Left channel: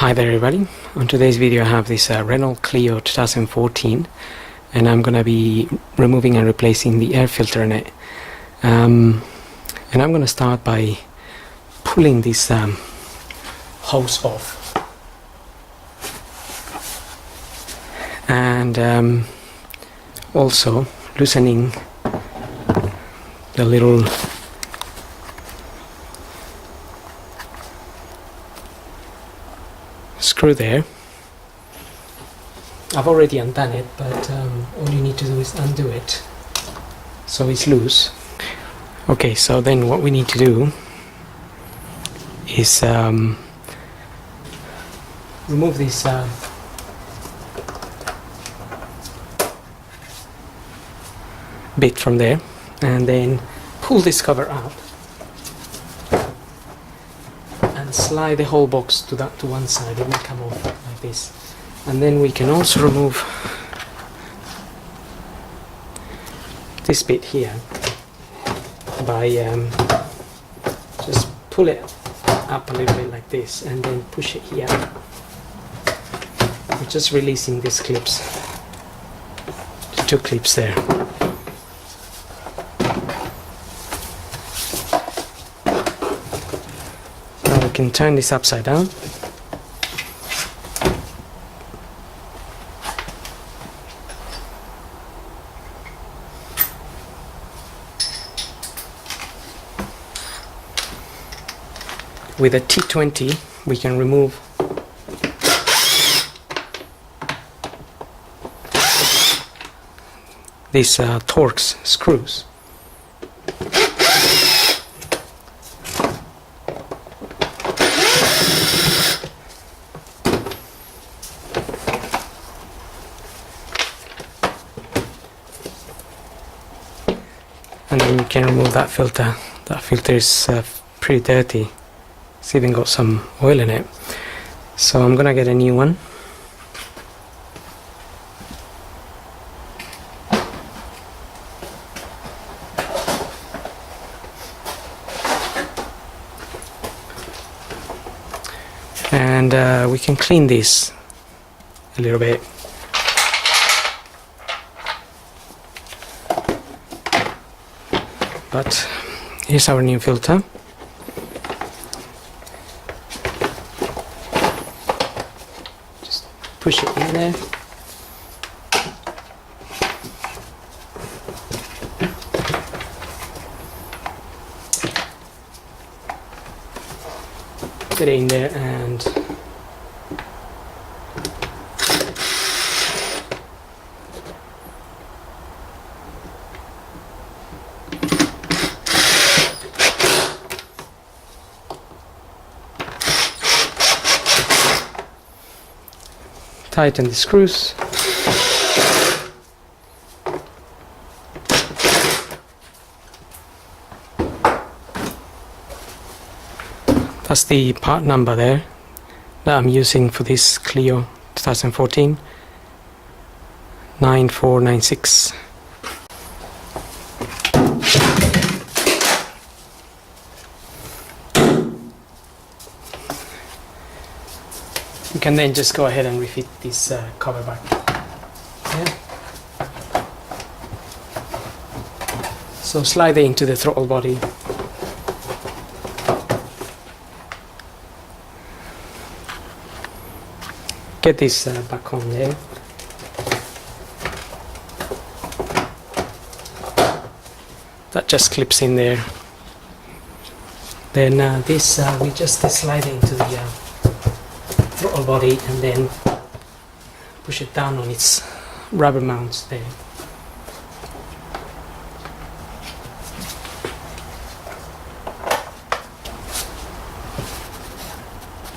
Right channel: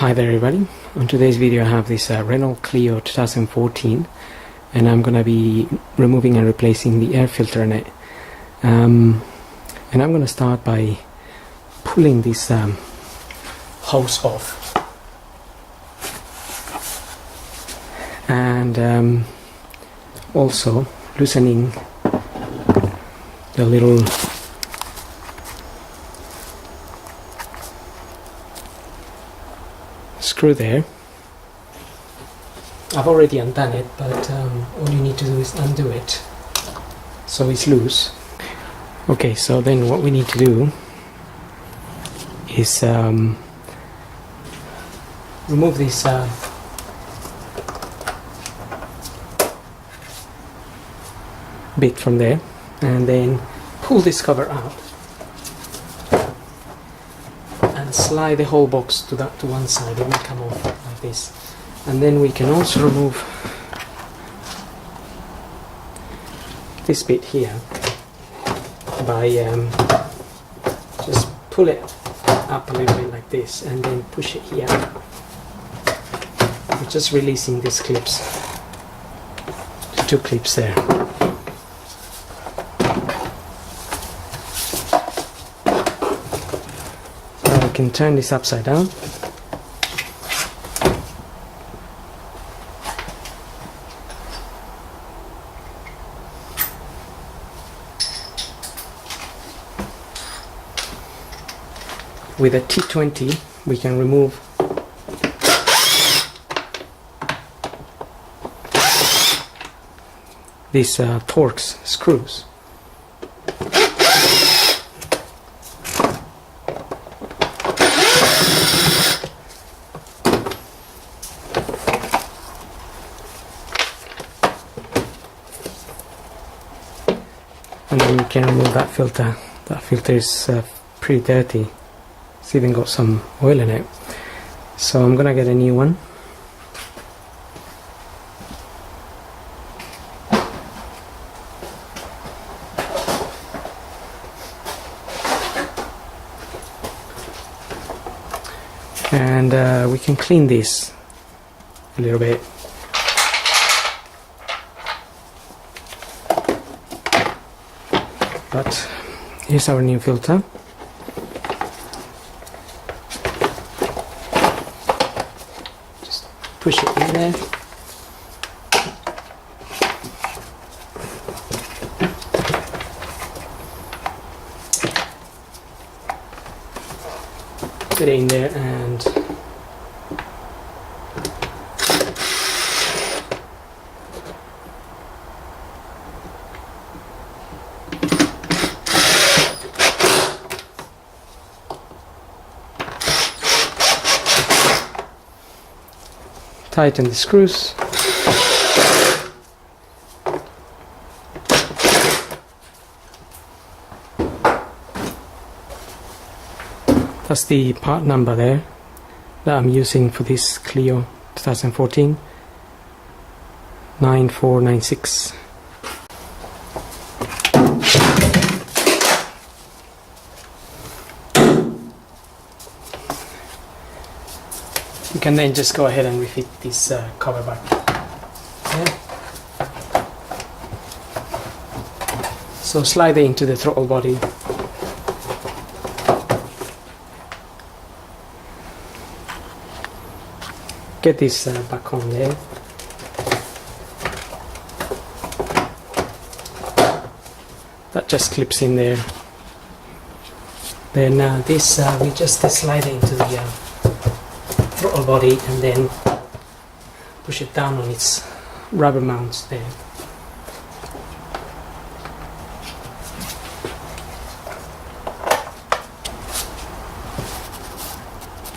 Hi there everybody, on today's video I have this Renault Clio 2014 and I'm gonna be removing and replacing the air filter in it, and I'm gonna start by pulling this hose off and also loosening the little screw there. I've already undone it, but all you need to do is undo it so it's loose. Okay, so then what we need to do is remove this bit from there and then pull this cover out and slide the whole box to one side. It will come off like this, and then we can also remove this bit here by just pull it up a little bit like this and then push it here. We're just releasing these clips, the two clips there. Now we can turn this upside down. With a T20 we can remove these Torx screws. And then we can remove that filter. That filter is pretty dirty. It's even got some oil in it, so I'm gonna get a new one. And we can clean this a little bit. But here's our new filter. Push it in there. Get it in there and tighten the screws. That's the part number there that I'm using for this Clio 2014, 9496. You can then just go ahead and refit this cover back. Yeah. So slide it into the throttle body. Get this back on there. That just clips in there. Then this we just slide it into the throttle body and then push it down on its rubber mounts there.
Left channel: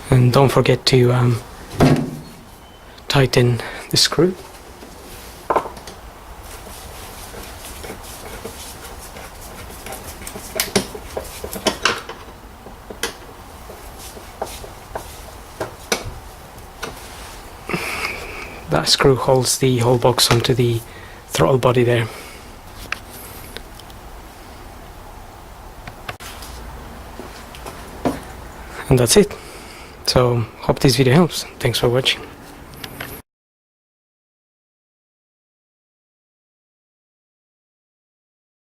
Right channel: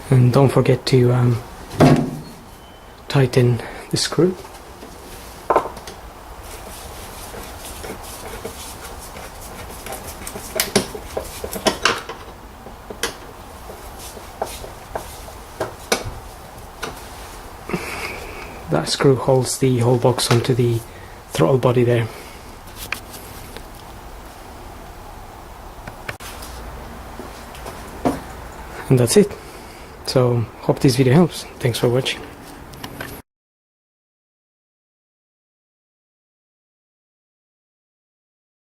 And don't forget to tighten the screw. That screw holds the whole box onto the throttle body there. And that's it. So hope this video helps. Thanks for watching.